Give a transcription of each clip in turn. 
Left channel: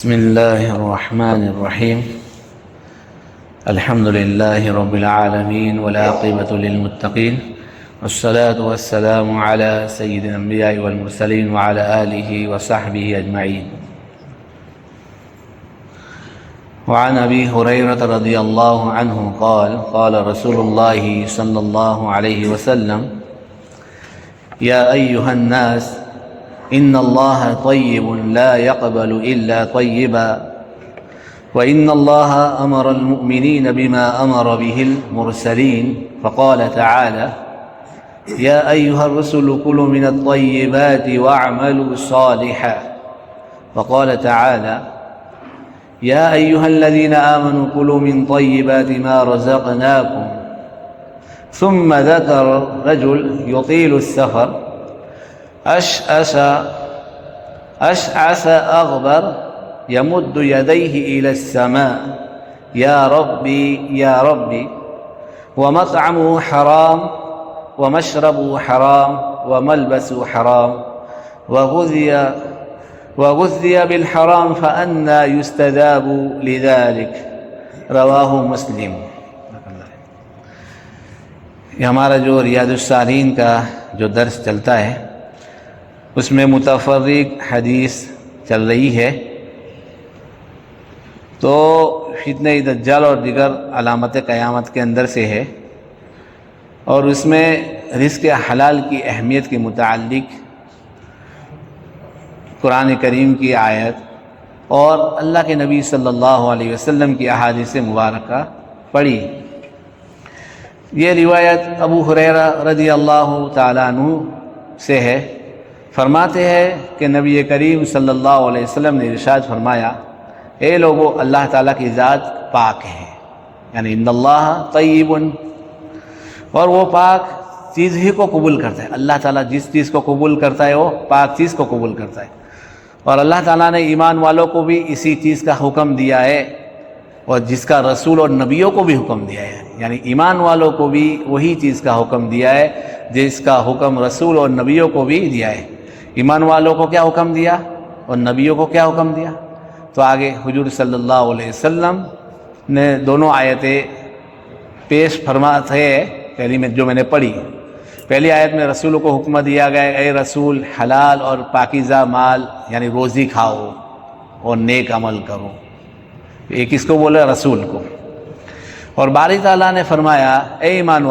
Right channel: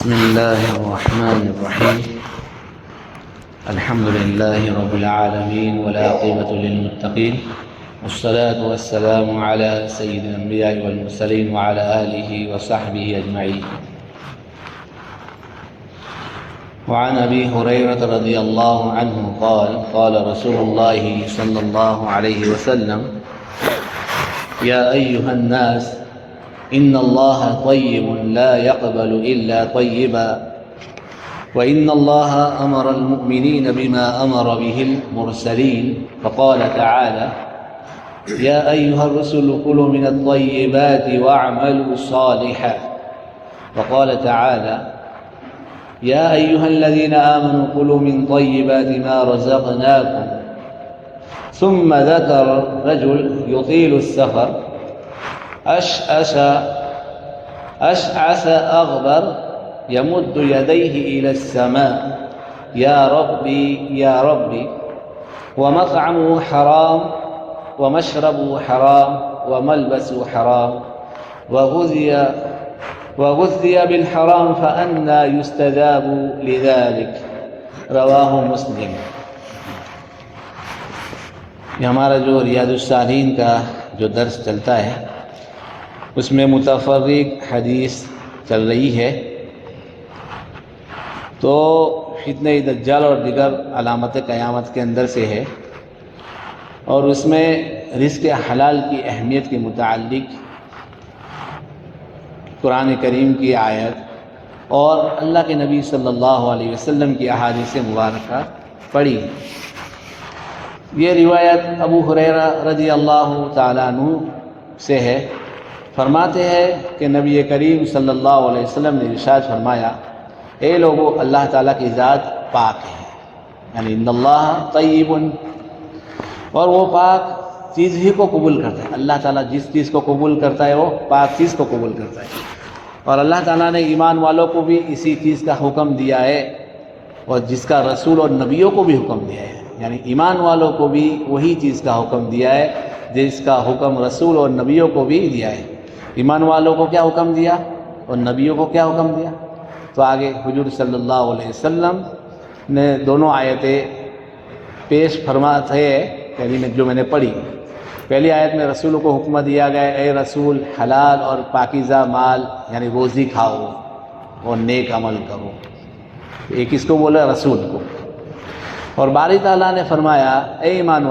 بسم الله الرحمن الرحيم. الحمد لله رب العالمين والعاقبة للمتقين، والصلاة والسلام على سيد الأنبياء والمرسلين وعلى آله وصحبه أجمعين. وعن أبي هريرة رضي الله عنه قال قال رسول الله صلى الله عليه وسلم: يا أيها الناس إن الله طيب لا يقبل إلا طيبا، وإن الله أمر المؤمنين بما أمر به المرسلين، فقال تعالى: يا أيها الرسل كلوا من الطيبات واعملوا صالحا، وقال تعالى: يا أيها الذين آمنوا كلوا من طيبات ما رزقناكم. ثم ذكر رجل يطيل السفر أشعث أغبر يمد يديه إلى السماء: يا ربي يا ربي، ومطعمه حرام ومشربه حرام وملبسه حرام وغذي بالحرام فأنى يستجاب لذلك. رواہ مسلم. یہ ہمارا جو ریاض الصالحین کا جو درس چلتا ہے اس میں متفرق حدیث چل رہی ہے. تو فتنہ دجال اور دیگر علامت قیامت کے اندر سے ہے، اور اس میں رزق حلال کی اہمیت کے متعلق قرآن کریم کی آیت اور اللہ کے نبی صلی اللہ علیہ وسلم کی احادیث مبارکہ پڑھی. یہ روایت ابو ہریرہ رضی اللہ تعالیٰ عنہ سے ہے. فرماتے ہیں کہ نبی کریم صلی اللہ علیہ وسلم نے ارشاد فرمایا: اے لوگو، اللہ تعالیٰ کی ذات پاک ہے، یعنی ان اللہ طیب، اور وہ پاک چیز ہی کو قبول کرتا ہے. اللہ تعالیٰ جس چیز کو قبول کرتا ہے وہ پاک چیز کو قبول کرتا ہے. اور اللہ تعالیٰ نے ایمان والوں کو بھی اسی چیز کا حکم دیا ہے، اور جس کا رسول اور نبیوں کو بھی حکم دیا ہے. یعنی ایمان والوں کو بھی وہی چیز کا حکم دیا ہے جس کا حکم رسول اور نبیوں کو بھی دیا ہے. ایمان والوں کو کیا حکم دیا اور نبیوں کو کیا حکم دیا؟ تو آگے حضور صلی اللہ علیہ وسلم نے دونوں آیتیں پیش فرماتے ہیں. پہلی میں جو میں نے پڑھی، پہلی آیت میں رسول کو حکم دیا گیا: اے رسول، حلال اور پاکیزہ مال یعنی روزی کھاؤ اور نیک عمل کرو. یہ کس کو بولا؟ رسول کو. اور باری تعالیٰ نے فرمایا: اے ایمان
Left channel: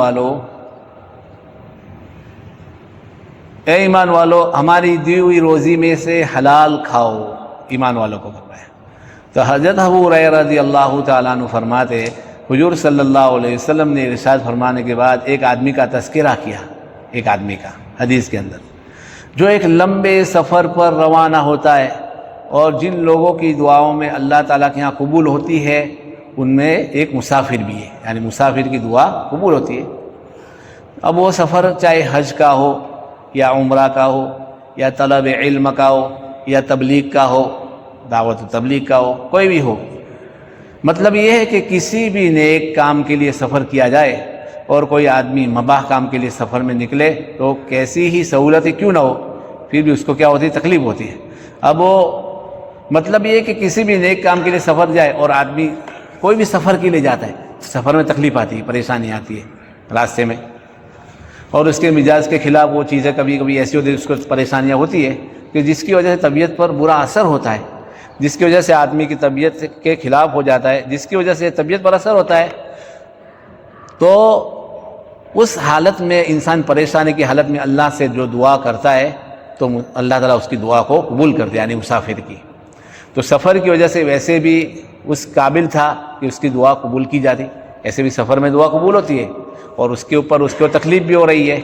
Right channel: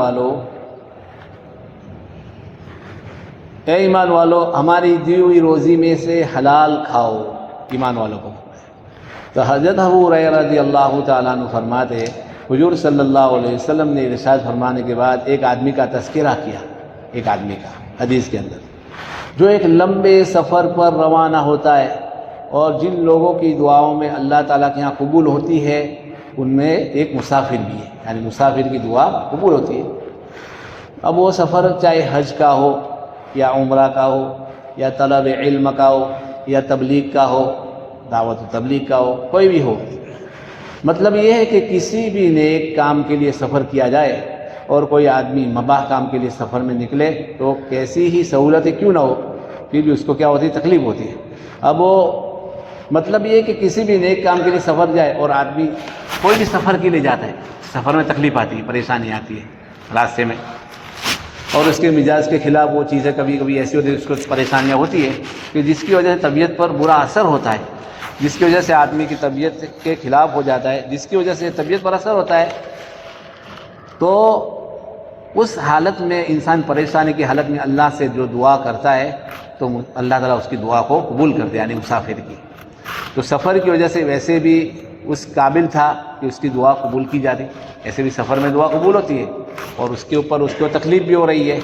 والو، ہماری دی ہوئی روزی میں سے حلال کھاؤ. ایمان والوں کو فرمایا. تو حضرت ابو ہریرہ رضی اللہ تعالیٰ عنہ فرماتے ہیں حضور صلی اللہ علیہ وسلم نے ارشاد فرمانے کے بعد ایک آدمی کا تذکرہ کیا، ایک آدمی کا حدیث کے اندر، جو ایک لمبے سفر پر روانہ ہوتا ہے، اور جن لوگوں کی دعاؤں میں اللہ تعالیٰ کے ہاں قبول ہوتی ہے ان میں ایک مسافر بھی ہے، یعنی مسافر کی دعا قبول ہوتی ہے. اب وہ سفر چاہے حج کا ہو یا عمرہ کا ہو یا طلب علم کا ہو یا تبلیغ کا ہو، دعوت و تبلیغ کا ہو، کوئی بھی ہو. مطلب یہ ہے کہ کسی بھی نیک کام کے لیے سفر کیا جائے اور کوئی آدمی مباح کام کے لیے سفر میں نکلے تو کیسی ہی سہولتیں کیوں نہ ہو، پھر بھی اس کو کیا ہوتی ہے؟ تکلیف ہوتی ہے. اب وہ مطلب یہ ہے کہ کسی بھی نیک کام کے لیے سفر جائے، اور آدمی کوئی بھی سفر کے لیے جاتا ہے، سفر میں تکلیف آتی ہے، پریشانی آتی ہے راستے میں، اور اس کے مزاج کے خلاف وہ چیزیں کبھی کبھی ایسی ہوتی ہے، اس کو پریشانیاں ہوتی ہے کہ جس کی وجہ سے طبیعت پر برا اثر ہوتا ہے، جس کی وجہ سے آدمی کی طبیعت کے خلاف ہو جاتا ہے، جس کی وجہ سے طبیعت پر اثر ہوتا ہے. تو اس حالت میں انسان پریشانی کی حالت میں اللہ سے جو دعا کرتا ہے تو اللہ تعالیٰ اس کی دعا کو قبول کرتے ہیں، یعنی مسافر کی. تو سفر کی وجہ سے ویسے بھی اس قابل تھا کہ اس کی دعا قبول کی جاتی، ایسے بھی سفر میں دعا قبول ہوتی ہے، اور اس کے اوپر اس کو تکلیف بھی ہو رہی ہے.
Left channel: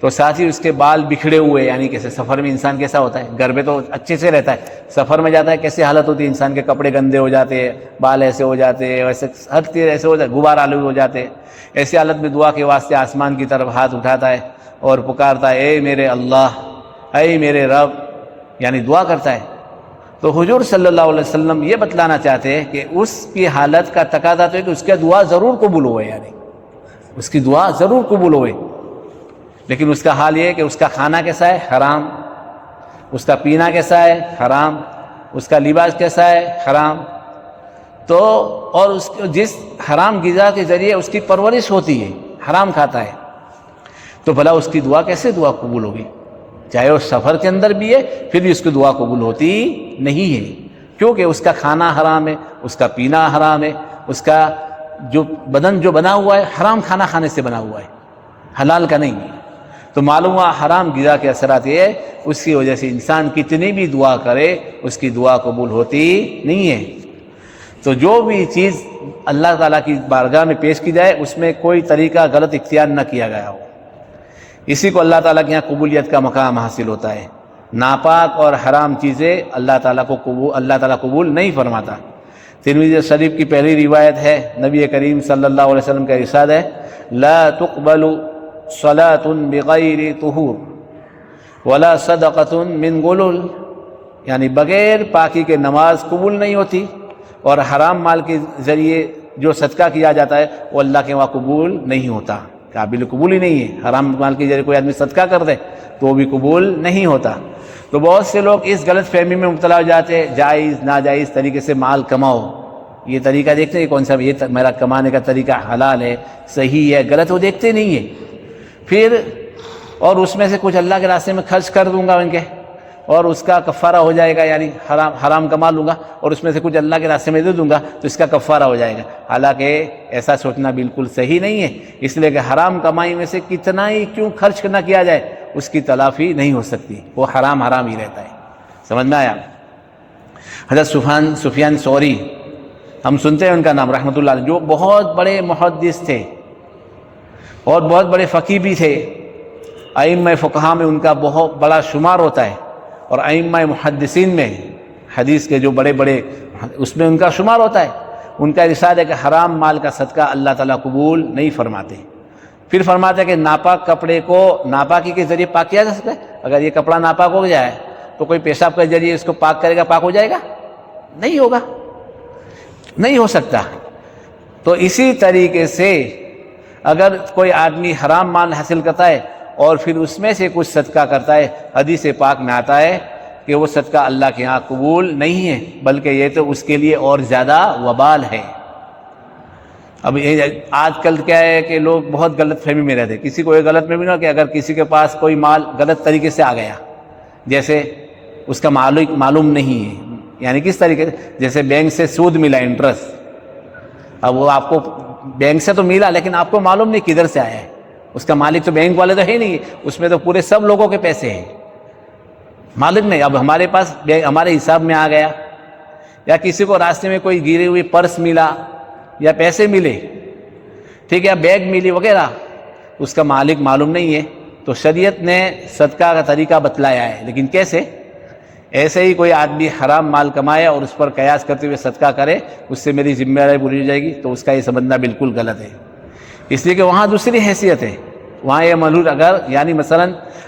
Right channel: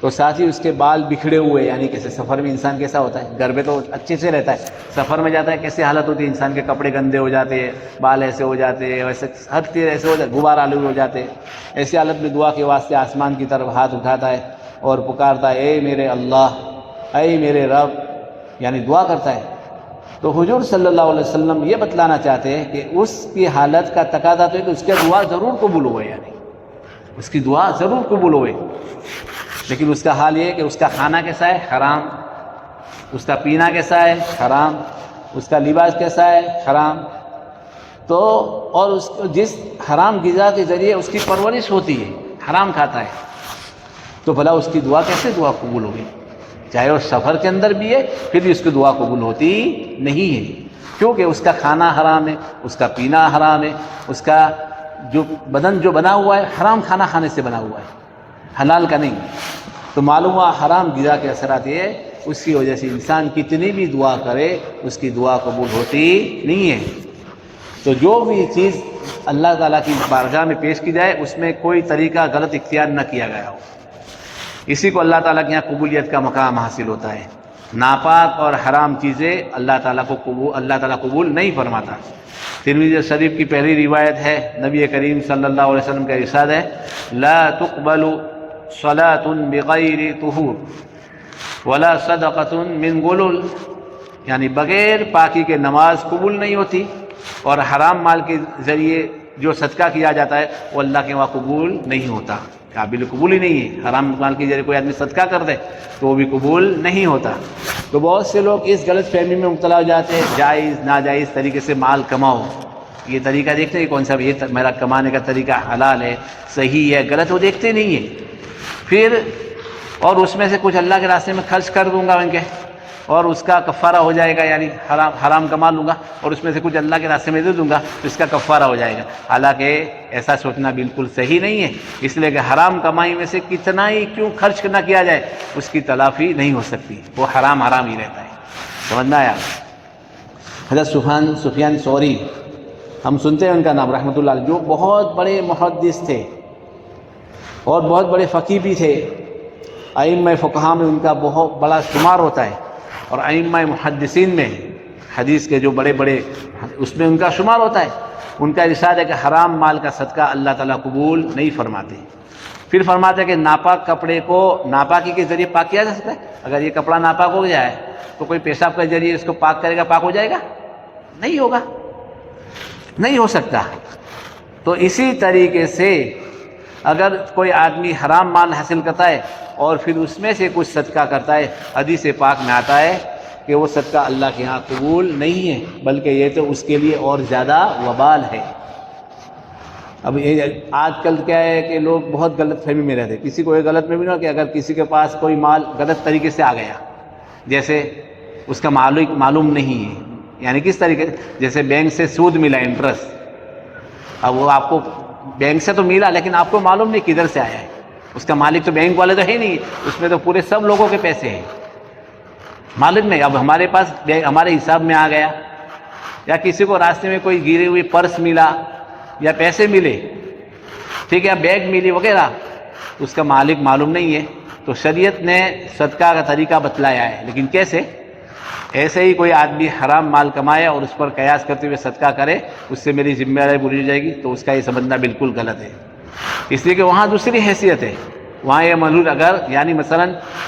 تو ساتھ ہی اس کے بال بکھڑے ہوئے، یعنی کیسے سفر میں انسان کیسا ہوتا ہے، گھر میں تو اچھے سے رہتا ہے، سفر میں جاتا ہے کیسے حالت ہوتی ہے، انسان کے کپڑے گندے ہو جاتے ہیں، بال ایسے ہو جاتے ہیں، ویسے ہر چیز ایسے ہو جاتے، غبار آلود ہو جاتے ہیں. ایسی حالت میں دعا کے واسطے آسمان کی طرف ہاتھ اٹھاتا ہے اور پکارتا ہے: اے میرے اللہ، اے میرے رب، یعنی دعا کرتا ہے. تو حضور صلی اللہ علیہ وسلم یہ بتلانا چاہتے ہیں کہ اس کی حالت کا تقاضا تو ہے کہ اس کی دعا ضرور قبول ہوئے، یعنی اس کی دعا ضرور قبول ہوئے. لیکن اس کا حال یہ ہے کہ اس کا کھانا کیسا ہے؟ حرام. اس کا پینا کیسا ہے؟ حرام. اس کا لباس کیسا ہے؟ حرام. تو اور جس حرام غذا کے ذریعے اس کی پرورش ہوتی ہے، حرام کھاتا ہے، تو بھلا اس کی دعا کیسے دعا قبول ہوگی؟ چاہے وہ سفر کے اندر بھی ہے پھر بھی اس کی دعا قبول ہوتی نہیں ہے، کیونکہ اس کا کھانا حرام ہے، اس کا پینا حرام ہے، اس کا جو بدن جو بنا ہوا ہے حرام کھانا کھانے سے بنا ہوا ہے، حلال کا نہیں. تو معلوم ہوا حرام غذا کے اثرات یہ ہے، اس کی وجہ سے انسان کتنی بھی دعا کرے اس کی دعا قبول ہوتی نہیں ہے. تو جو بھی چیز اللہ تعالیٰ کی بارگاہ میں پیش کی جائے اس میں کوئی طریقہ غلط اختیار نہ کیا گیا ہو، اسی کو اللہ تعالیٰ کے یہاں قبولیت کا مقام حاصل ہوتا ہے. ناپاک اور حرام چیزیں اللہ تعالیٰ قبول نہیں فرماتا. ترمذی شریف کی پہلی روایت ہے، نبی کریم صلی اللہ علیہ وسلم کا ارشاد ہے، لا تقبل صلاۃ بغیر طہور ولا صدقۃ من غلول، یعنی بغیر پاکی کے نماز قبول نہیں ہوتی، اور حرام مال کے ذریعے جو صدقہ کیا جاتا ہے وہ اللہ کے وہاں قبول نہیں ہوتا، قابل قبول ہی نہیں ہے. حرام مال کے ذریعے کوئی آدمی صدقہ کر دے تو وہ بھی قبول نہیں ہوتا. تو بہت سے لوگ اس غلط فہمی میں مبتلا ہو جاتے ہیں، جائز ناجائز طریقے سے مال کماؤ، یہ طریقہ دیکھتے ہیں کون سا یہ میرا کمانے کا طریقہ حلال ہے، صحیح ہے، غلط، وہ دیکھتے نہیں ہیں. پھر اور اس میں سے کچھ اللہ کے راستے میں خرچ کر دوں گا ان کے، اور اس کا کفارہ ہو جائے گا، یعنی حرام کما لوں گا اور اس میں سے کچھ اللہ کے راستے میں دے دوں گا تو اس کا کفارہ ہو جائے گا. حالانکہ ایسا سوچنا بالکل صحیح نہیں ہے، اس لیے کہ حرام کمائی میں سے کتنا ہی کیوں خرچ نہ کیا جائے اس کی تلافی نہیں ہو سکتی، وہ حرام ہی رہتا ہے. سمجھنا ہے آپ؟ حضرت سفیان ثوری، ہم سنتے ہیں ان کا نام رحمۃ اللہ علیہ، جو بہت بڑے محدث تھے اور بہت بڑے فقیہ بھی تھے. ائمہ فقہا میں ان کا بہت بڑا شمار ہوتا ہے، اور ائمہ محدثین میں حدیث کے جو بڑے بڑے اس میں ان کا شمار ہوتا ہے. ان کا ارشاد ہے کہ حرام مال کا صدقہ اللہ تعالیٰ قبول نہیں فرماتے. پھر فرماتے ہیں کہ ناپاک کپڑے کو ناپاکی کے ذریعے پاک کیا جا سکتا ہے. اگر یہ کپڑا ناپاک ہو جائے تو کوئی پیشاب کے ذریعے اس کو پاک کرے گا، پاک ہو جائے گا؟ نہیں ہوگا، نہیں ہو سکتا. تو اسی طریقے سے اگر کوئی آدمی حرام مال حاصل کرتا ہے اور پھر اس میں سے کچھ صدقہ کرتا ہے، حدیث پاک میں آتا ہے کہ وہ صدقہ اللہ کے ہاں قبول نہیں ہے، بلکہ یہ تو اس کے لیے اور زیادہ وبال ہے. اب آج کل کیا ہے کہ لوگ بہت غلط فہمی میں رہتے ہیں. کسی کو یہ غلط فہمی نہ کہ اگر کسی کے پاس کوئی مال غلط طریقے سے آ گیا، جیسے اس کا معلوم نہیں ہے، یعنی کس طریقے سے، جیسے بینک سے سود ملا، انٹرسٹ، اب وہ آپ کو بینک سے تو ملا لیکن آپ کو معلوم نہیں کدھر سے آیا ہے، اس کا مالک تو بینک والے تو ہے نہیں، اس میں تو پورے سب لوگوں کے پیسے ہیں، مالک نہیں. اب ہمارے پاس ہمارے حساب میں آ گیا، یا کسی کو راستے میں کوئی گری ہوئی پرس ملا یا پیسے ملے، ٹھیک ہے، بیگ ملی وغیرہ، اس کا مالک معلوم نہیں ہے، تو شریعت نے صدقہ کا طریقہ بتلایا ہے. لیکن کیسے؟ ایسے ہی کوئی آدمی حرام مال کمائے اور اس پر قیاس کرتے ہوئے صدقہ کرے، اس سے میری ذمہ داری پوری ہو جائے گی، تو اس کا یہ سمجھنا بالکل غلط ہے. اس لیے کہ وہاں دوسری حیثیت ہے، وہاں یہ معلوم اگر یعنی مثلا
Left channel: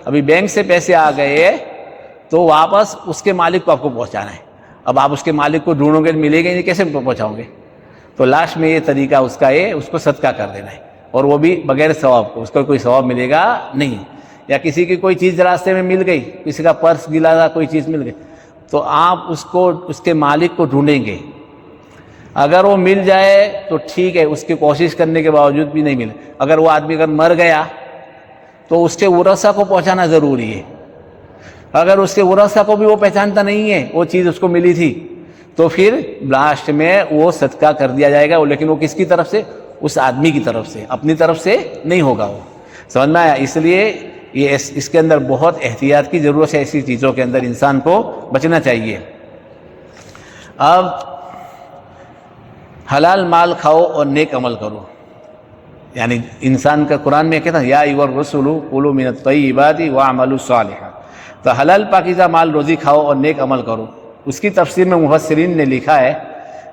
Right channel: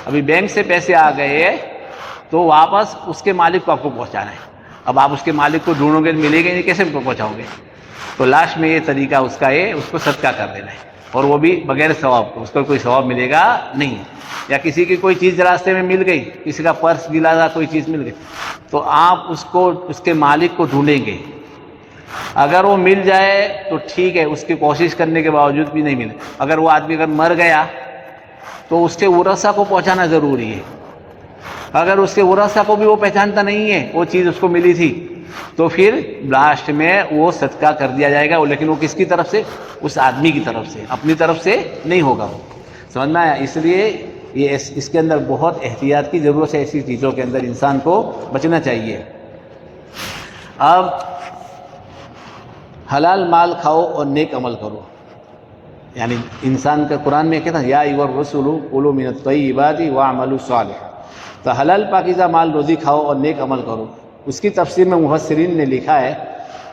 ابھی بینک سے پیسے آ گئے تو واپس اس کے مالک کو آپ کو پہنچانا ہے. اب آپ اس کے مالک کو ڈھونڈو گے، ملے گے نہیں، کیسے پہنچاؤ گے؟ تو لاسٹ میں یہ طریقہ اس کا ہے، اس کو صدقہ کر دینا ہے، اور وہ بھی بغیر ثواب کو، اس کو کوئی ثواب ملے گا نہیں. یا کسی کی کوئی چیز راستے میں مل گئی، کسی کا پرس گلا تھا، کوئی چیز مل گئی، تو آپ اس کو اس کے مالک کو ڈھونڈیں گے. اگر وہ مل جائے تو ٹھیک ہے، اس کی کوشش کرنے کے باوجود بھی نہیں ملے. اگر وہ آدمی اگر مر گیا تو اس کے ورثہ کو پہنچانا ضروری ہے. اگر اس کے ورثہ کو بھی وہ پہچانتا نہیں ہے وہ چیز اس کو ملی تھی، تو پھر لاسٹ میں وہ صدقہ کر دیا جائے گا، لیکن وہ کس کی طرف سے؟ اس آدمی کی طرف سے، اپنی طرف سے نہیں ہوگا. وہ سمجھنا ہے. اس لیے یہ اس کے اندر بہت احتیاط کی ضرورت ہے، ایسی چیزوں کے اندر انسان کو بچنا چاہیے. اب حلال مال کھاؤ اور نیک عمل کرو، یعنی انسان کا قرآن میں کہتا ہے یا ایھا الرسول کلوا من الطیبات واعملوا صالحا، تو حلال پاکیزہ مال روزی کھاؤ اور نیک عمل کرو. اس کی تفسیر میں مفسرین نے لکھا ہے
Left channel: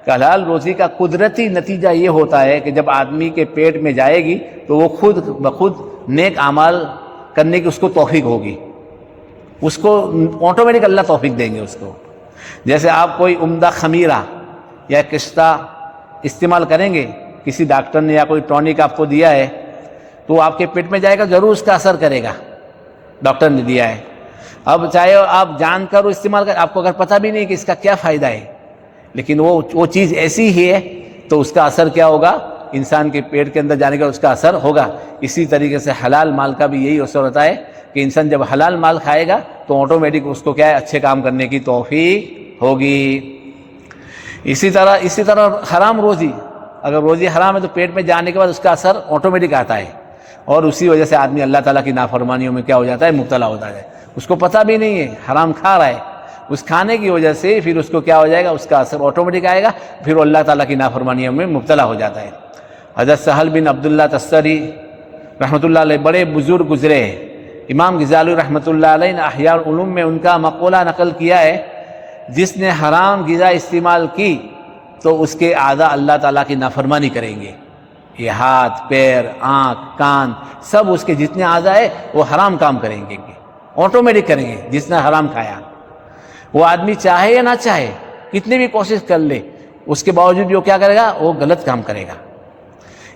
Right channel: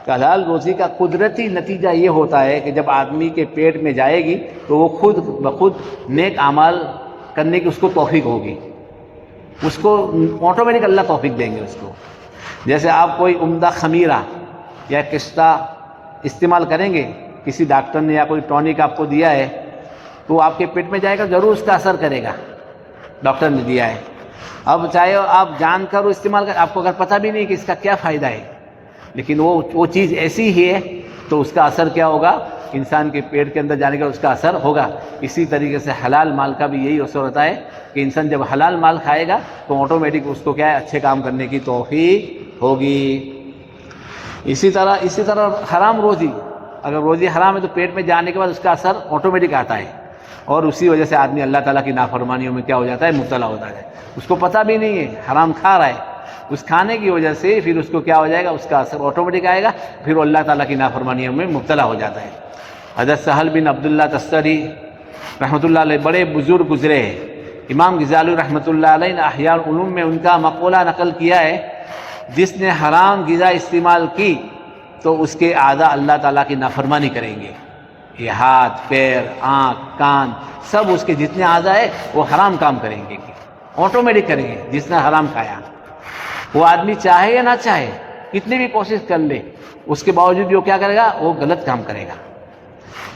کہ حلال روزی کا قدرتی نتیجہ یہ ہوتا ہے کہ جب آدمی کے پیٹ میں جائے گی تو وہ خود بخود نیک اعمال کرنے کی اس کو توفیق ہوگی، اس کو آٹومیٹک اللہ توفیق دیں گے اس کو. جیسے آپ کوئی عمدہ خمیرہ یا کشتہ استعمال کریں گے، کسی ڈاکٹر نے یا کوئی ٹونک آپ کو دیا ہے تو آپ کے پیٹ میں جائے گا، ضرور اس کا اثر کرے گا، ڈاکٹر نے دیا ہے. اب چاہے آپ جان کر استعمال کر، آپ کو اگر پتہ بھی نہیں کہ اس کا کیا فائدہ ہے، لیکن وہ چیز ایسی ہی ہے تو اس کا اثر کیا ہوگا، انسان کے پیٹ کے اندر جانے کا اس کا اثر ہوگا۔ اسی طریقے سے حلال مال کا بھی یہی اثر ہوتا ہے کہ انسان جب حلال مال کھائے گا تو آٹومیٹک اس کو کیا ہے، اچھے کام کرنے کی توفیق ہوگی۔ اسی طرح حرام روزی، اگر روزی حرام ہے تو پیٹ میں جانے کے بعد اس کا اثر آٹومیٹک آتا ہے، اور اسی وجہ سے آدمی اللہ تعالیٰ کی نافرمانیوں میں کیا ہو جاتا ہے، مبتلا ہوتا ہے، اس کو پتہ بھی نہیں ہے حرام کھا رہا ہے، اس کھانے کی وجہ سے پھر اس کو کیا ہو جائے گا، اس کا اثر آٹومیٹک آئے گا، پھر اللہ تعالیٰ کی نافرمانیوں میں مبتلا ہو جاتا ہے۔ حضرت سہل بن عبداللہ تستری رحمۃ اللہ علیہ بڑے بزرگ گزرے ہیں، امام غزالی رحمۃ اللہ علیہ نے احیاء العلوم میں ان کا مقولہ نقل کیا ہے، جس نے حرام غذا استعمال کی تو اس کے اعضاء اللہ تعالیٰ کی نافرمانی کریں گے، یہ ہاتھ، پیر، آنکھ، کان، سب اس کے جتنے اعضاء ہیں وہ حرام کام کریں گے، آٹومیٹک کریں گے جس نے حرام کھایا۔ وہ آدمی چاہے یا نہ چاہے، کتنی بھی کوشش کر لے، اس کے باوجود بھی وہ کیا کرے گا، وہ غلط کام کرے گا۔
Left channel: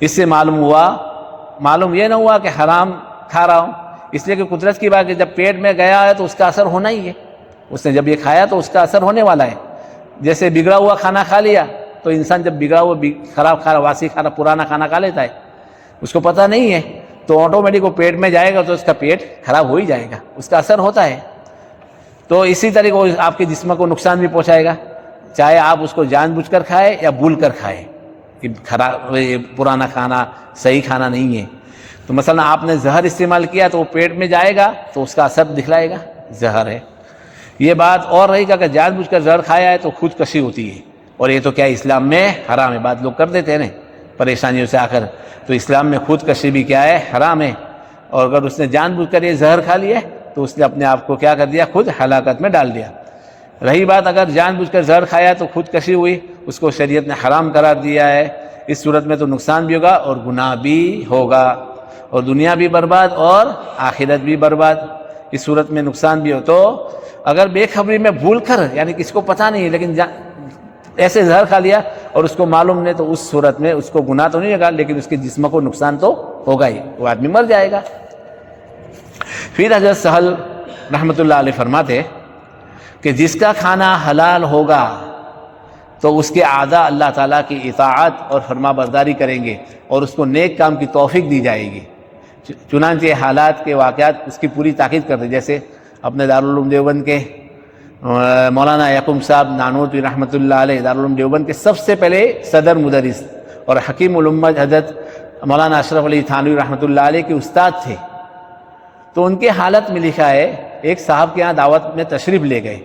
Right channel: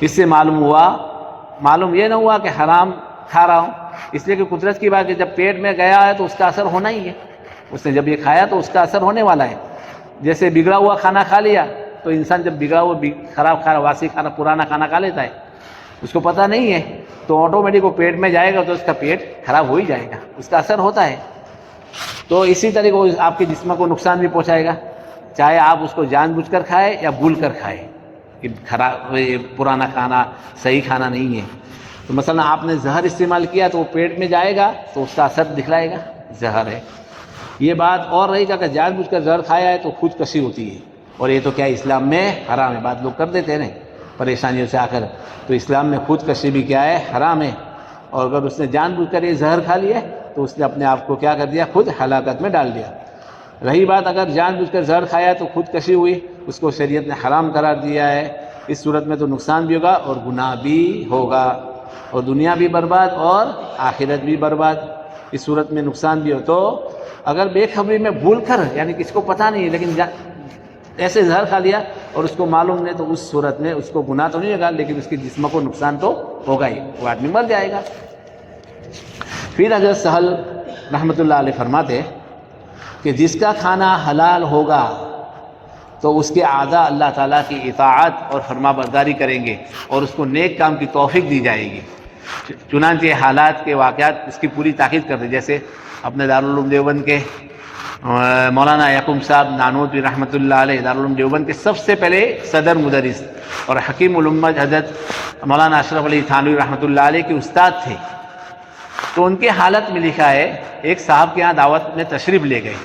اس سے معلوم یہ نہ ہوا کہ حرام کھا رہا ہوں، اس لیے کہ قدرت کی بات کہ جب پیٹ میں گیا ہے تو اس کا اثر ہونا ہی ہے، اس نے جب یہ کھایا تو اس کا اثر ہونے والا ہے۔ جیسے بگڑا ہوا کھانا کھا لیا تو انسان جب بگڑا ہوا خراب کھانا، واسی کھانا، پرانا کھانا کھا لیتا ہے، اس کو پتہ نہیں ہے تو آٹومیٹک وہ پیٹ میں جائے گا تو اس کا پیٹ خراب ہو ہی جائے گا، اس کا اثر ہوتا ہے۔ تو اسی طریقے وہ آپ کے جسم کو نقصان بھی پہنچائے گا، چاہے آپ اس کو جان بوجھ کر کھائے یا بھول کر کھائے، کہ پرانا کھانا صحیح کھانا نہیں ہے۔ تو مثلا آپ نے زہر استعمال کیا تو وہ پیٹ میں جائے گا تو اس کا اثر دکھلائے گا، زہر ہے۔ یہ بات اور رہی گا کہ جان بوجھ کر زہر کھایا ہے تو خود کشی ہوتی ہے، اور یہ تو کیا اسلام میں حرام ہے، بات لوگ کر دیتے ہیں نا پریشانیوں سے آ کر، تو اسلام میں خود کشی بھی کیا ہے، حرام ہے۔ اور اگر اس نے جان بوجھ کر یہ زہر کھا لیا تو اس نے اپنے آپ کو کیا کر دیا، خود ہلاکت میں ڈال دیا۔ رہی بات اگر جان بوجھ کر زہر کھایا تو خود کشی ہوئی، اس کو شریعت نے حرام قرار دیا ہے، اس صورت میں تو نقصان بھی ہوگا اور گناہ بھی ہوگا، اور دنیا بھی برباد اور آخرت بھی برباد۔ اس صورت میں نقصان بھی ہو تو اگر بے خبری میں بھول کر، یعنی کسی کو پتہ نہیں ہے لیکن ایسے زہر کھا لیا اور اس کو معلوم نہیں، تو اس صورت میں اس کو گناہ تو نہیں ہوگا لیکن اس کے جسم کو نقصان تو ہوگا ہی، وہ آدمی مر جائے گا۔ پھر حضرت سہل رحمۃ اللہ علیہ فرماتے کہ جس کا کھانا حلال ہوگا تو اس کے اعضاء اللہ تعالیٰ کی اطاعت اور فرما برداری کریں گے اور اس کو نیک کام کی توفیق دی جائے گی۔ چنانچہ حالات کے واقعات اس کی پوری تاکید کرتے، جیسے اپنے دارالعلوم دیوبند کے مولانا یعقوب صاحب نانوتوی رحمۃ اللہ علیہ، دارالعلوم دیوبند کے سب سے پہلے صدر مدرس اور حکیم الامت حضرت مولانا اشرف علی تھانوی رحمۃ اللہ علیہ کے استاد تھے۔ تو ان کے حالت میں لکھا ہے، ایک صاحب کے ہاں دعوت میں تشریف لے گئے،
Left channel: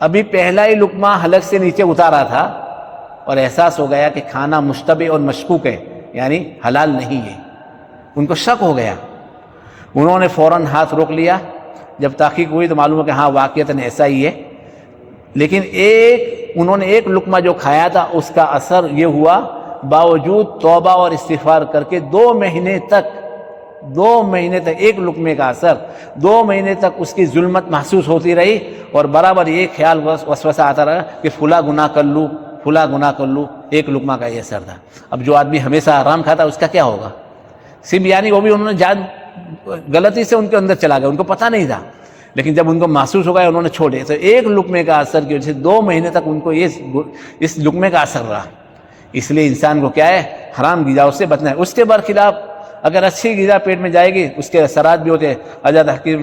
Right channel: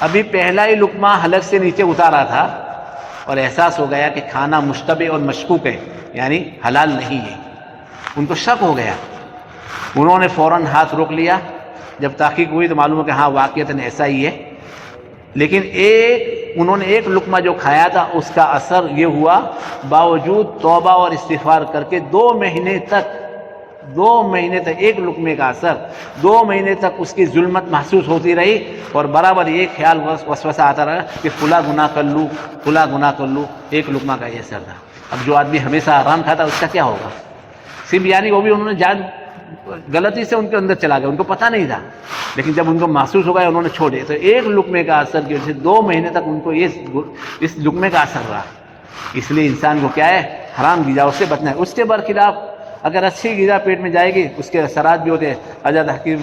ابھی پہلا ہی لقمہ حلق سے نیچے اتارا تھا اور احساس ہو گیا کہ کھانا مشتبہ اور مشکوک ہے، یعنی حلال نہیں ہے۔ ان کو شک ہو گیا، انہوں نے فوراً ہاتھ روک لیا۔ جب تحقیق ہوئی تو معلوم ہو کہ ہاں واقعتاً ایسا ہی ہے، لیکن انہوں نے ایک لقمہ جو کھایا تھا اس کا اثر یہ ہوا، باوجود توبہ اور استغفار کر کے 2 مہینے تک ایک لقمے کا اثر، 2 مہینے تک اس کی ظلمت محسوس ہوتی رہی، اور برابر یہ خیال وسوسہ آتا رہا کہ فلاں گناہ کر لوں، ایک لقمہ کا یہ اثر تھا۔ اب جو آدمی ہمیشہ آرام کھاتا اس کا کیا ہوگا؟ صرف یعنی وہ بھی انہوں نے جان غلطی سے ان کے اندر چلا گیا، ان کو پتہ نہیں تھا، لیکن جب ان کو محسوس ہو گیا انہوں نے چھوڑے، تو ایک لقمے کا اثر کی وجہ سے 2 مہینے تک ان کو اس لقمے کا اثر رہا۔ اس لیے انسان کو کیا ہے، حرام غذا سے بچنا ہے۔ اس کے برخلاف اگر اچھی غذا پیٹ میں جائے گی اس کے اثرات بھی ہوتے ہیں۔ حضرت حکیم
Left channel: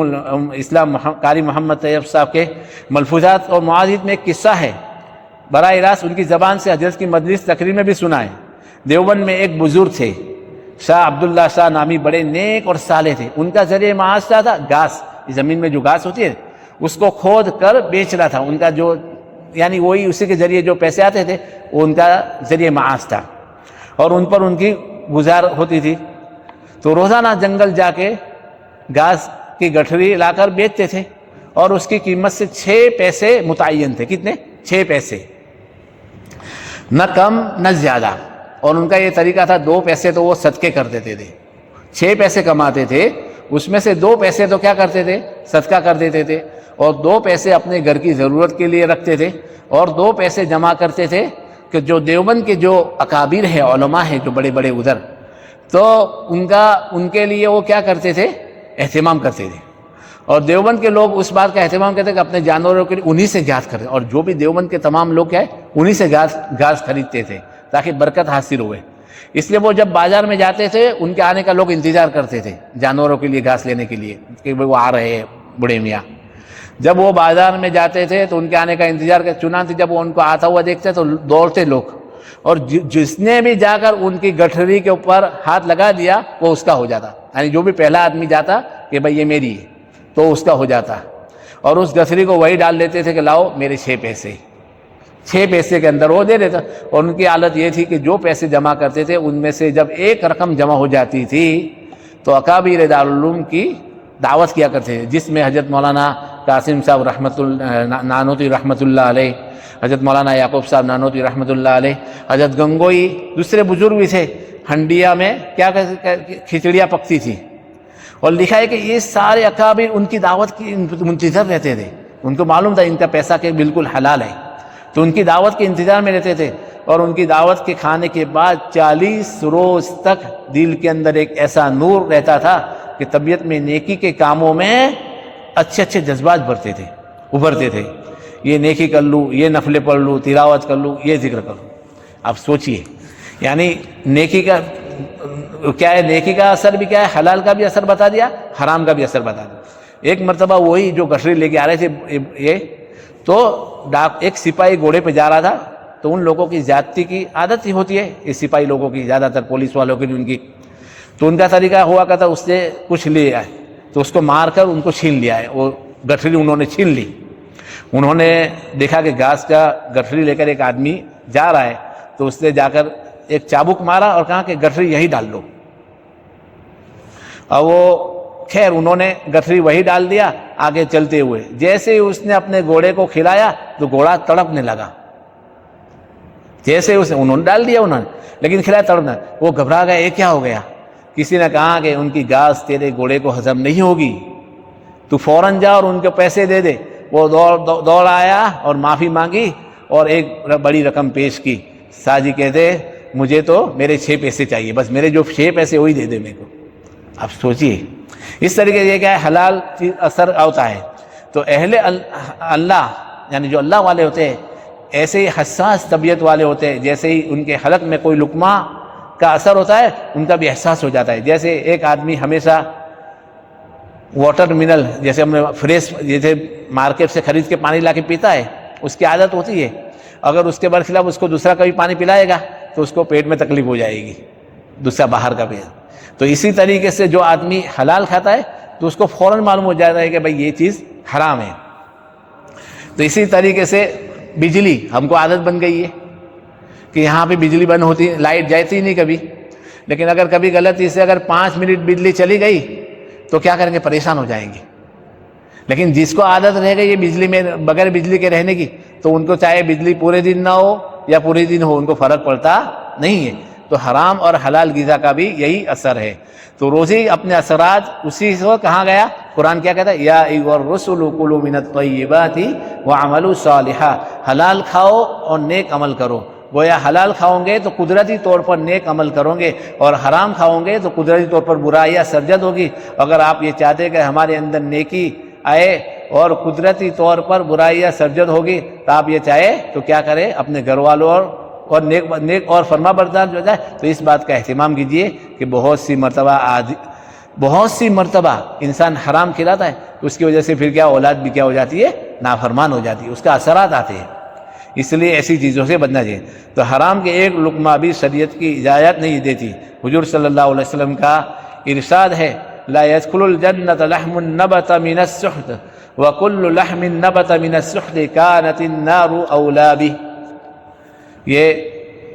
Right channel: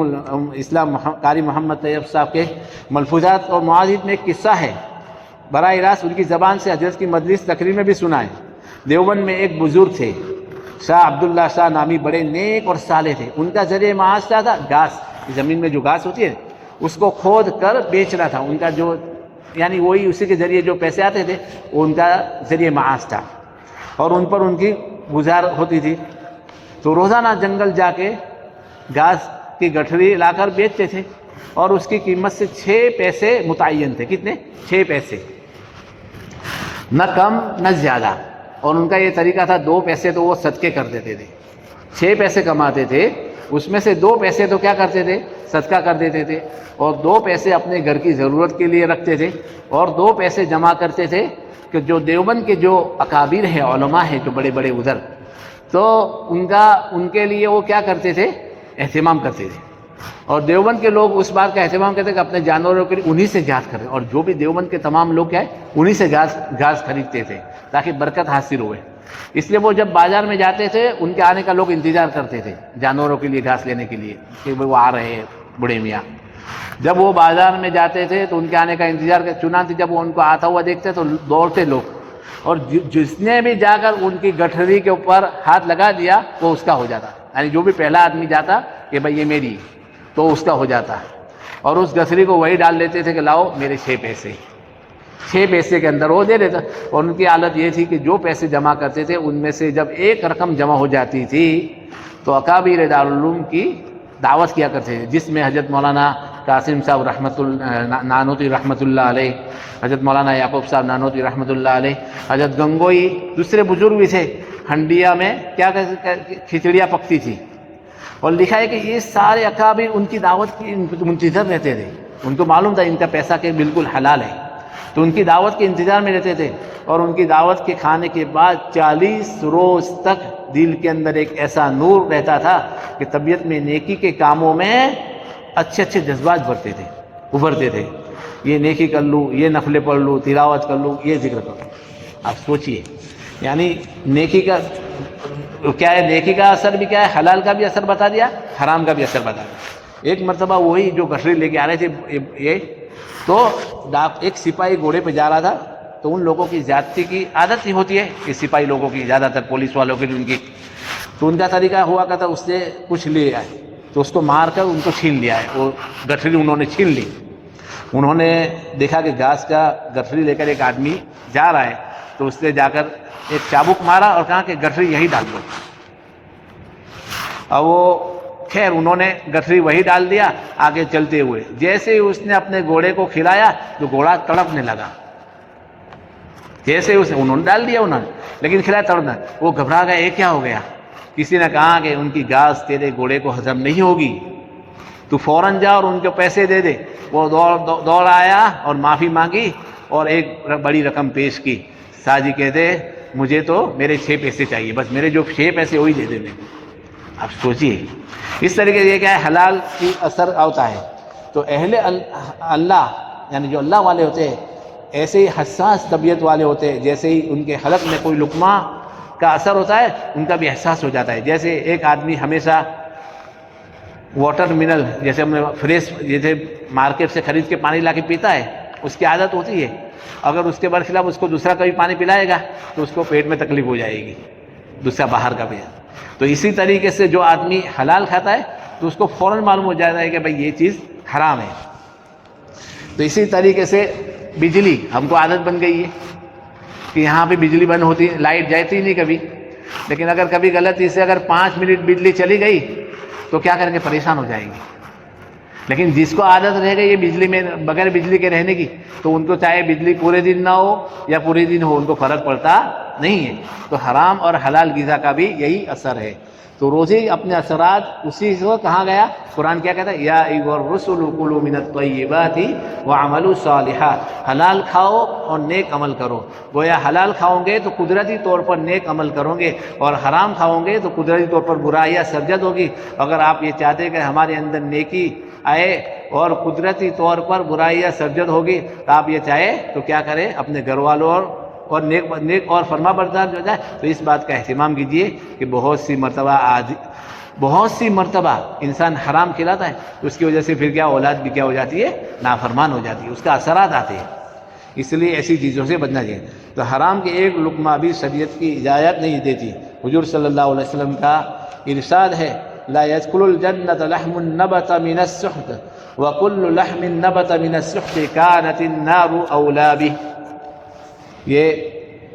الاسلام قاری محمد طیب صاحب کے ملفوظات اور معاذات میں ایک قصہ ہے، براہ راست ان کی زبان سے حضرت کی مجلس تقریر میں بھی سنا ہے۔ دیوبند میں ایک بزرگ تھے، شاہ عبداللہ شاہ نامی، بڑے نیک اور صالح تھے۔ ان کا ذریعہ معاش کیا تھا؟ گھاس، زمین میں جو گھاس ہوتی ہے اس کو کھود کر بیچنا تھا ان کا، جو یعنی وہی اسی کے ذریعے جو پیسے آتے تھے وہ ان کا ذریعہ معاش تھا، اور ان پر ان کی گزار ہوتی تھی۔ تو روزانہ جنگل جا کے گھاس کی گٹھری لا کر بیچتے تھے، اور اس کی قیمت سے 6 پیسے متعین تھے۔ کتنے؟ 6 پیسے، نہ کم نہ زیادہ۔ اور ان کا یہ طریقہ تھا، 2 پیسے تو وہ صدقے کر دیتے تھے، 6 پیسے کماتے تھے، اس میں سے 2 پیسے تو کیا کرتے تھے؟ صدقہ کر دیتے تھے، اور 2 پیسے اپنے گھر کی ضرورت کے لیے رکھتے تھے، اور 2 پیسے جمع کرتے تھے کہ جو دیوبند کے جو اکابر ہیں، علماء ہیں جو بڑے بڑے ادھر، تو ان کے لیے وہ کیا کرتے تھے اہتمام کرتے تھے، اور دیوبند کے لوگ اس بات کا اہتمام کرتے کہ اپنے جانوروں کے لیے انہی سے گھاس خریدتے، اور جو بھی دیوبند کے تمام لوگ کیا ہے انہی سے گھاس خریدتے تھے تاکہ برکت حاصل ہوئے۔ اس لیے وہ جب بازار میں جاتے تھے ان کے آنے کا لوگ انتظار کرتے تھے جانوروں کے لیے گھاس لینے کے لیے کہ وہ آ رہے ہیں بوڑھے میاں۔ جب وہ بازار میں جاتے تھے تو ان کے آنے کا انتظار کرتے، چنانچہ جب وہ ان کو آتا ہوا دیکھتے تو دوڑتے لوگ، اور جس نے بھی جا کر ان کی گٹھری کے اوپر ہاتھ لگا دیا وہ اس کا ہو جاتا، یعنی جو بھی پہلا آدمی جاتا کہ بھائی یہ میری ہے تو اس کا ہو جاتا، اور اس گٹھری کو وہی ڈال دیتے تھے کہ لاؤ میرے 6 پیسے، 6 پیسے کے اندر وہ دے دیتا۔ اور ان کی حالت یہ تھی کہ جو پیسے جمع کرتے تھے ان میں سے جب ایک رقم جمع ہو جاتی تھی تو اکابر دارالعلوم کی دعوت کیا کرتے تھے، جس میں حضرت مولانا قاسم صاحب نانوتوی رحمۃ اللہ علیہ، حضرت مولانا یعقوب صاحب نانوتوی رحمۃ اللہ علیہ، حضرت گنگوئی، دوسرے بزرگ بھی تھے۔ ہنڈیا میں کیا کھچڑیاں پکتی تھی، اور لکھا ہے کہ یہ سارے اکابر ان کی دعوت کی منتظر رہتے تھے، ان کو معلوم تھا ان کا پیسہ کہ بالکل حلال ہے، تو ان کی دعوت کے انتظار میں رہتے تھے، اور ان کی دعوت کے کھانے کے بعد 40 روز تک دل کے اندر ایک ایسا نور رہتا تھا کہ طبیعت میں نیکی کے کاموں میں اچھے اچھے جذبات ابھرتے تھے، یہ نیکی کر لوں، یہ نفلیں پڑھ لوں، تلاوت کر لوں، یہ ذکر کر لوں۔ آپ سوچئے، یعنی نیکی کا کیا ہے، نیکی کا اثر بھی کیا ہے، حلال کا بھی اثر بتا دیا، حرام کا بھی اثر بتا دیا۔ ایک مرتبہ وہی جو گٹھری لے کے آ رہے تھے یہ تو ایک سپاہی گھوڑے پہ جا رہا تھا، تو ان لوگوں کی زیادتی کی عادت ہی ہوتی ہے کہ سپاہی لوگوں کی، زیادہ تر پولیس والوں کی ان کی، تو ان کا طریقہ ہوا کرتا اس سے کچھ لیا ہے تو اس کو مار کر ان کو چھین لیا ہے، وہ گٹھری انہوں نے چھین لی۔ انہوں نے دیکھا کہ گھاس کا گٹھری لے کر ایک آدمی جا رہا ہے، تو اس نے جا کر ایک چابک مارا اور کہا کہ گٹھری یہی ڈال دو، اور وہ خیر انہوں نے گٹھری وہی ڈال دیا آگے چلتے ہوئے۔ جیسے ہی اس نے اپنے گھوڑے کو کھلایا تو گھوڑا تڑپنے لگا، جیسے انہوں نے ڈال دیا لیکن کھلایا تڑپنا، وہ گھبرا گیا، یہ کیا ہو گیا؟ کسی نے کہا کہ ان کی گھاس تیرے گھوڑے کو ہضم نہیں ہوگی، تو فوراً جا اور ان کو پیسے دے دے۔ وہ دوڑ آیا اور معافی مانگی اور ایک بڑی رقم پیش کی۔ ساجی کہتے مجھے تو میرے 6 پیسے چاہیے، بس میرے جو 6 پیسے وہی دے دینے کو۔ اب سوچئے اس طریقے سے یہ کیا ہے، حلال کی اثر ہوتا ہے۔ تو اہل اللہ یعنی جو اللہ والے ہوتے ہیں ایسے ہی حساس طبیعت والے ہوتے ہیں، جیسے ہی ان کے حلق میں کوئی لقمہ کا اثر ہوتا ہے ان کا بھی احساس ہو جاتا ہے۔ جیسے ایک آدمی ہمیشہ واٹر منرل جیسے ہم نے فریش جیسے مارکیٹ سے خرید کے پانی لا کے پیتا ہے، اس کی عادت ہوتی ہے، اگر اس کے برخلاف اس کو دوسرا کبھی پانی پلائے گا تو اس کو پیٹ میں تکلیف ہو جائے گی، دوسرا باہر کا بھی۔ تو اسی طریقے سے جو آدمی حلال کھاتا ہے تو اس کو فوراً معلوم ہو جاتا ہے کہ بھائی یہ چیز حرام ہے۔ تو اسی طریقے سے بجلی ہم کو عادت بن گئی ہے کہ یہاں پہ بجلی بند ہوتی، لائٹ جاتی نہیں کبھی، لیکن اگر کبھی غلطی سے اگر 5 منٹ بجلی چلی گئی تو کیا کریں گے، پریشان ہو جائیں گے۔ لیکن جس کو عادت رہ گئی یہ بجلی میں بغیر بجلی کے رہنے کی، تو ان کو چاہے بجلی پورے دن نہ ہو یا پورے دن ہو ان کو فرق پڑتا نہیں ہے۔ تو حرام اور حلال غذا کا بھی یہی اثر ہے۔ تو روزی اپنے اثرات اسی سے کہاں گیا، قرآن کیا کہتا ہے، یا ایھا الرسل کلوا من الطیبات واعملوا صالحا، حلال کھاؤ اور نیک عمل کرو۔ گویا حلال کھاؤ گے تو قدرتی طور پر نیک عمل کرو گے، اور حرام کھاؤ گے تو قدرتی طور پر برائیاں سرزد ہوگی۔ اگر آپ یہ چاہتے کہ ہمارے اندر نیکی آئے اور قدرتی طور پر برائیاں سرزد ہوگی تو آپ یہ چاہے تو کیا کریں، اپنے گھر والوں اور نیک اور فرما بردار جو جائے تو اس بات کا اہتمام کیجئے کہ بہت سی مرتبہ انسان حرام کھلاتا ہے، اس کی وجہ سے پھر کیا اولاد بھی کیا ہو جاتی ہے، نافرمان ہو جاتی ہے، اس کا اثرات آتے ہیں۔ اس لیے ایسی چیزوں سے بچنا چاہیے۔ تو حرام کے ایک لقمہ بھی شریعت کی اجازت نہیں دیتی۔ حضور صلی اللہ علیہ وسلم کا ارشاد ہے، لا يدخل الجنة لحم نبت من السحت وكل لحم نبت من السحت كانت النار أولى به۔ یہ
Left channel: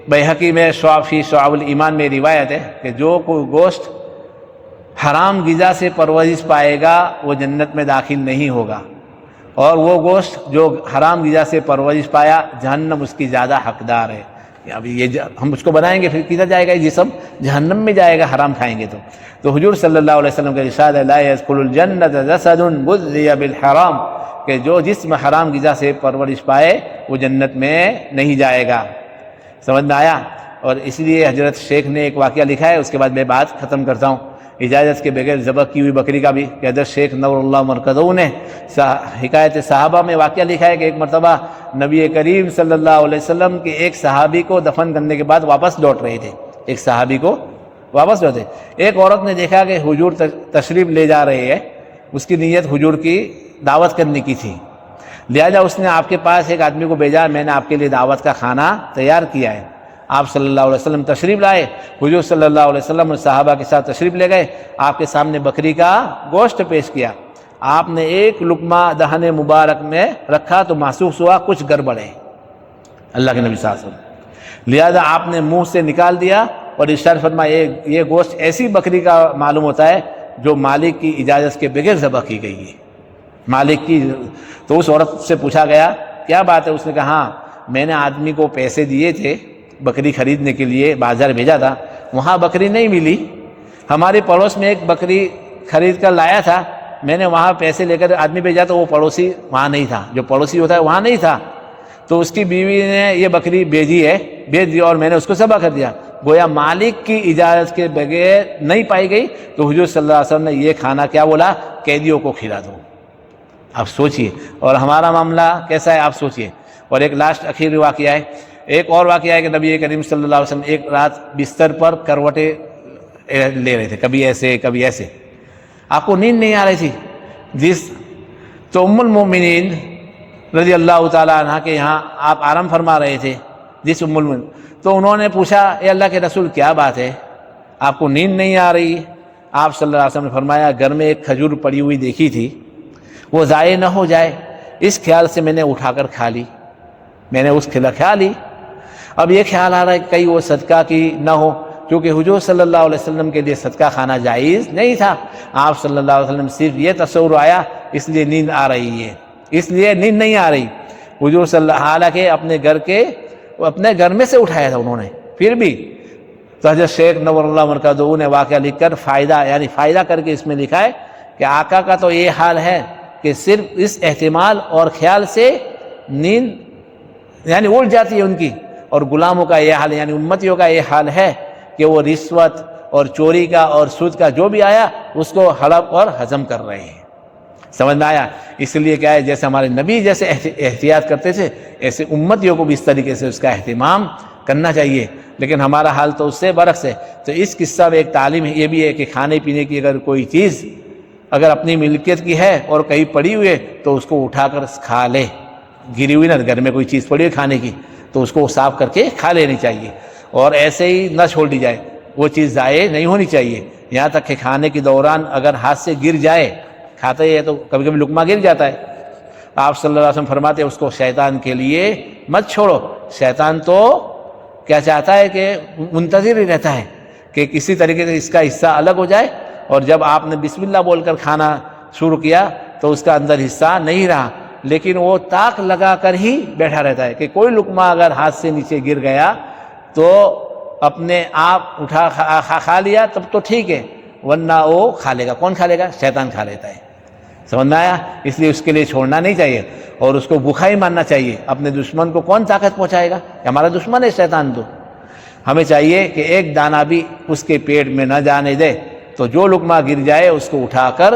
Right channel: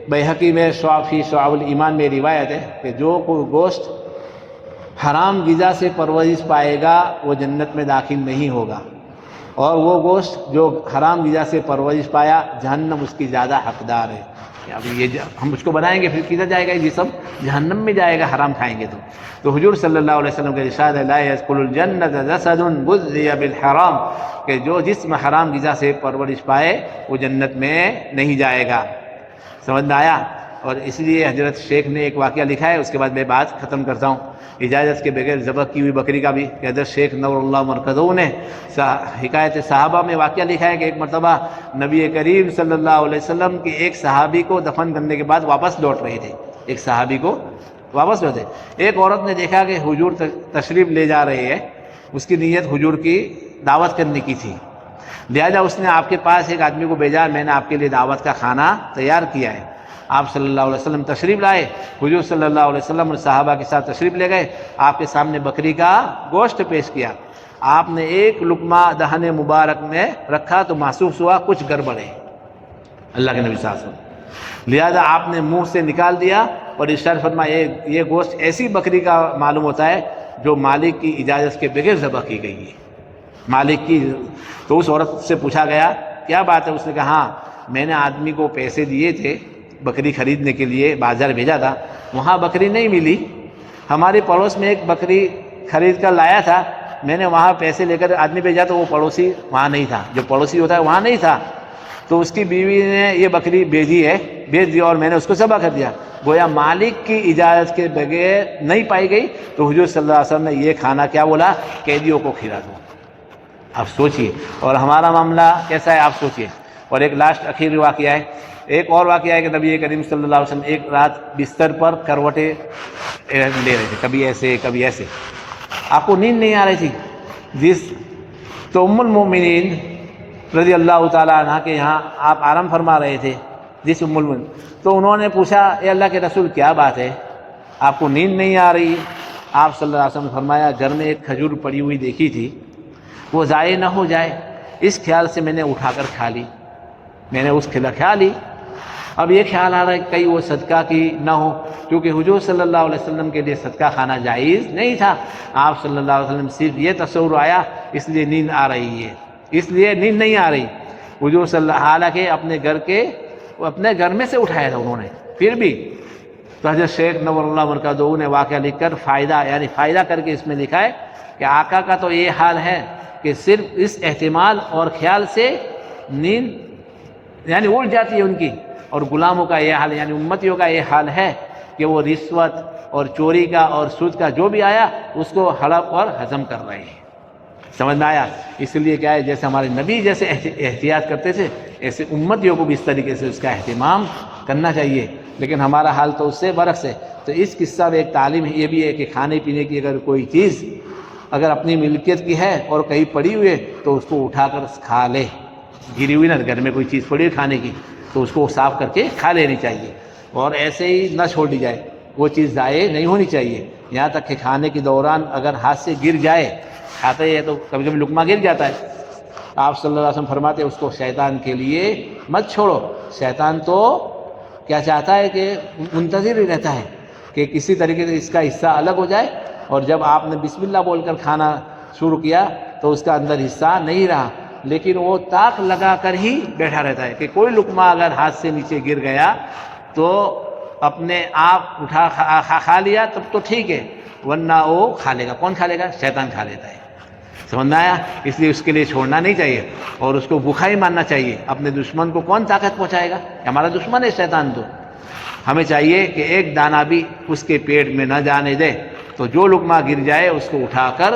بیہقی میں فی شعب الایمان میں روایت ہے کہ جو کوئی گوشت حرام غذا سے پرورش پائے گا وہ جنت میں داخل نہیں ہوگا، اور وہ گوشت جو حرام غذا سے پرورش پایا جہنم اس کی زیادہ حقدار ہے۔ ابھی یہ ہم اس کو بنائیں گے پھر کدھر جائے گا، یہ جسم جہنم میں جائے گا حرام کھائیں گے تو حضور صلی اللہ علیہ وسلم کا ارشاد ہے، لا يدخل الجنة جسد غذي بالحرام، کہ جو جسم حرام غذا سے پرورش پائے وہ جنت میں نہیں جائے گا۔ سمجھ میں آیا؟ اور اس لیے حضرت شیخ نے ایک واقعہ لکھا ہے، اس کے بعد میں بات ختم کرتا ہوں۔ اجازت کے بغیر ذبح کی ہوئی بکری کا بھی، کہ حضرت شیخ نور اللہ مرکزی نے حکایت صحابہ میں واقعہ لکھا ہے کہ ایک مرتبہ نبی کریم صلی اللہ علیہ وسلم کے ایک صحابی کو دفن کرنے کے بعد واپس لوٹ رہے تھے، ایک صحابی کو واپس لوٹے، ایک عورت نے دیکھا کہ حضور تشریف لے جا رہے ہیں، اس کی نیت حضور کی دعوت کرنے کی تھی، لہذا اس نے آپ کے پاس ایک آدمی کو بھیجا، میں نے آپ کے لیے دعوت کا کھانا تیار کیا ہے۔ آپ صلی اللہ علیہ وسلم تشریف لائے، حضور صلی اللہ علیہ وسلم اور صحابہ کے ساتھ تشریف لے گئے، آپ کے سامنے بکری کا گوشت پیش کیا، آپ نے ایک لقمہ دہن مبارک میں رکھا تو محسوس ہوا کچھ گڑبڑ ہے اللہ کے نبی صلی اللہ علیہ وسلم، لہذا آپ نے منہ سے نکال دیا اور ارشاد فرمایا یہ گوشت ایسی بکری کا معلوم ہوتا ہے جو مالک کی اجازت کے بغیر ذبح کی گئی ہے، مالک کی۔ تو اس عورت سے پوچھا گیا کیا بات ہے؟ اس نے کہا ہاں میں نے آدمی کو پیسے دیے تھے بکری خریدنے کے لیے، بازار بھیجا تھا، وہاں بکری نہیں ملی، ہمارے پڑوس میں ایک بکری خرید کر لایا تھا، میں نے وہاں پیسے لے کر آدمی بھیجا تو وہ پڑوسی وہاں نہیں تھا، جو پڑوسی ہوتا ہے وہاں نہیں تھا، تو اس کی بیوی نے یہ بکری بھیج دی اور میں نے اس کو ذبح کر دیا، گویا مالک کی اجازت کے بغیر نہیں پائی گئی، تو حضور صلی اللہ علیہ وسلم نے یہ کھانا کیا بولا؟ قیدیوں کو کھلا دو۔ آپ سوچئے، اور ہمارا معاملہ کیسا ہے آپ سوچئے۔ اور ایک لاسٹ اخیری واقعہ ہے، ایک اور واقعہ ہے کہ نبی کریم صلی اللہ علیہ وسلم ایک رات بستر پر کروٹیں لے رہے تھے، کبھی ایسے کبھی ایسے، آپ کو نیند نہیں آ رہی تھی، تو ام المومنین رضی اللہ تعالیٰ عنہ کے یہاں آپ آرام فرما رہے تھے، جس ام المومنین، تو انہوں نے پوچھا اے اللہ کے رسول کیا بات ہے، آپ کو نیند نہیں آ رہی؟ آپ صلی اللہ علیہ وسلم نے فرمایا گھر میں ایک کھجور پڑی ہوئی دیکھی تھی، وہ ضائع نہ ہو جائے اس خیال سے میں نے اٹھا کر کھا لی، میں نے اس کھا لی، اب یہ خیال آ رہا ہے کہیں وہ صدقہ کی نہ ہو، کیونکہ حضور صلی اللہ علیہ وسلم کے لیے صدقہ کھانا جائز نہیں تھا، آپ صلی اللہ علیہ وسلم صرف یہ تصور آیا اس لیے نیند آ رہی ہے، اس لیے نیند نہیں آ رہی، حضور صلی اللہ حالانکہ اپنے گھر میں سے اٹھایا تھا انہوں نے، پھر بھی تو حضرت شیخ نور اللہ مرکزی نے واقعہ لکھ کر فائدہ کر کے اس میں لکھا ہے کہ آقا کا تو یہ حال ہے کہ صرف اس احتمال اور خیال سے نیند اڑ جاتی ہے ان کی، اور غلاموں کا یہ حال امتیوں کا یہ حال ہے کہ وہ رشوت اور چوری کا اور سود کا جو بھی آیا اس کو ہڑپ اور ہضم کر رہے ہیں، سمجھ میں آیا؟ اس لیے کیا ہے جیسے ہمارے نبی جیسے احتیاط کرتے تھے ایسے امتیوں کو بھی اس طریقے سے اس کا اہتمام کرنا چاہیے، لیکن ہمارا حال تو اس سے برعکس ہے۔ تو اس قصہ میں ایک تعلیم یہ بھی ہے کہ کھانے پینے کی اگر کوئی چیز اگر اپنی ملکیت کی ہے اور کہیں پڑی ہوئی ہے تو اس کو اٹھا کر کھا لے، گری ہوئی نہ، گھر میں کوئی چیز پڑی ہوئی کھانے کی تو اس کو صاف کر کے کھا لینی چاہیے، اور ایسے ہی نہ چھوڑ دی جائے، وہ چیز ضائع نہیں ہونی چاہیے، یہاں تک کہ کھانے کے دوران اگر ہاتھ سے گر جائے، کھاتے ہیں تو کبھی کبھی لقمہ گر جاتا ہے، آپ صلی اللہ علیہ وسلم فرماتے ہیں اس کو شیطان کے لیے مت چھوڑو، شیطان تو کیا چاہتا ہے کہ منتظر ہی رہتا ہے کہ کسی طریقے سے اس کا حصہ الگ ہو جائے، اور جب آپ نے بسم اللہ بول کر کھانا شروع کیا تو اس کا اندر حصہ نہیں رہا، لیکن وہ تاک لگا کر ہی بیٹھا رہتا ہے کہ کوئی لقمہ اگر ہاتھ سے نیچے گر گیا تو اپنے آپ اٹھا کھا لیا تب تو ٹھیک ہے، ورنہ وہ کھا لے گا، کون کھا لے گا؟ شیطان کھا لیتا ہے، سمجھ میں آیا؟ اس لیے اس کے لیے چھوڑنا نہیں چاہیے اور اس کو بھوکا ہی ماننا چاہیے، اپنے دشمن کو کون طاقت پہنچائے گا؟ ہمارا دشمن ہے شیطان، تو ہمیں چاہیے کہ ایک دانہ بھی اس کے پیٹ میں نہ جانے دے، تو جو لقمہ گر جائے اس کو اٹھا کر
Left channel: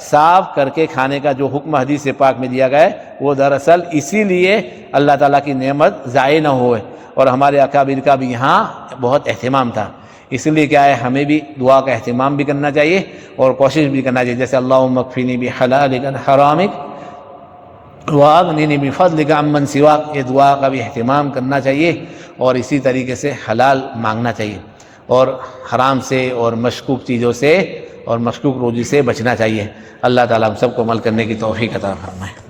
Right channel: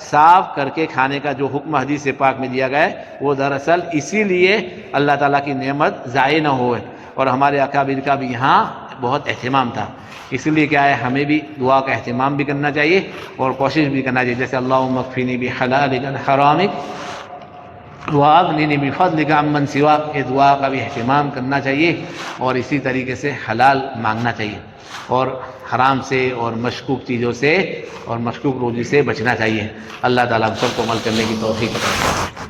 صاف کر کے کھانے کا جو حکم حدیث پاک میں دیا گیا ہے وہ دراصل اسی لیے اللہ تعالیٰ کی نعمت ضائع نہ ہوئے، اور ہمارے اکابر کا بھی یہاں بہت اہتمام تھا، اس لیے کیا ہے ہمیں بھی دعا کا اہتمام بھی کرنا چاہیے اور کوشش بھی کرنا چاہیے، جیسے اللہم اکفینی بحلالک عن حرامک واغننی بفضلک عمن سواک، یہ دعا کا بھی اہتمام کرنا چاہیے اور اسی طریقے سے حلال مانگنا چاہیے اور حرام سے اور مشکوک چیزوں سے اور مشکوک روزی سے بچنا چاہیے۔ اللہ تعالیٰ ہم سب کو عمل کرنے کی توفیق عطا فرمائے۔